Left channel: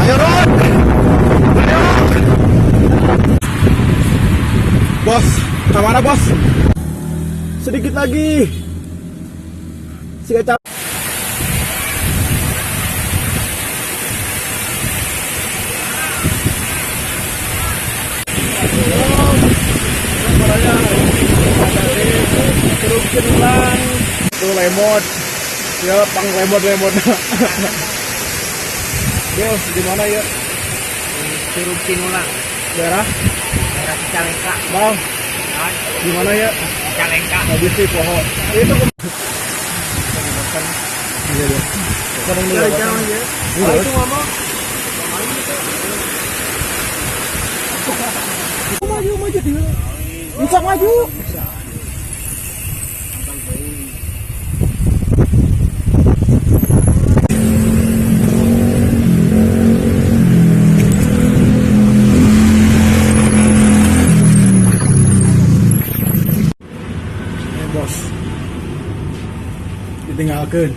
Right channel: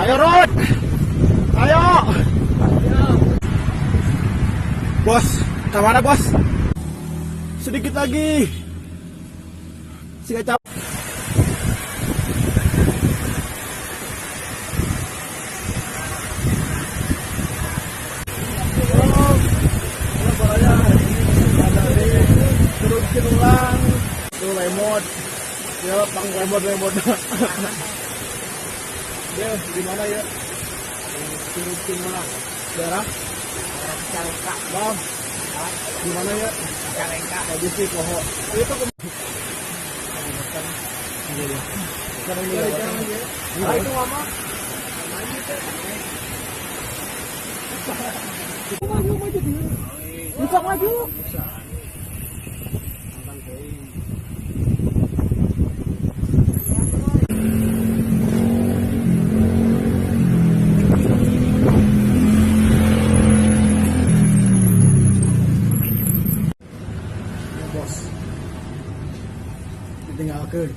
Ayo Rod, ayo. Bos, kemana bos? Sedikit lagi. Si Kacang. Halo Baraya, ada di Curug Cinulang. Tuh lemot, ya pang lemot. Yo, di mana ya? Curug Cinulang, Daerah Cicalengka. Bang, di mana ya? Cicalengka. Habis sih pohon. Itu makan. Iya ya. Sekarang dulu. Jalan aja. Itu ngomong. Maju dia. Bisa maju. Bos, ditinggalkan.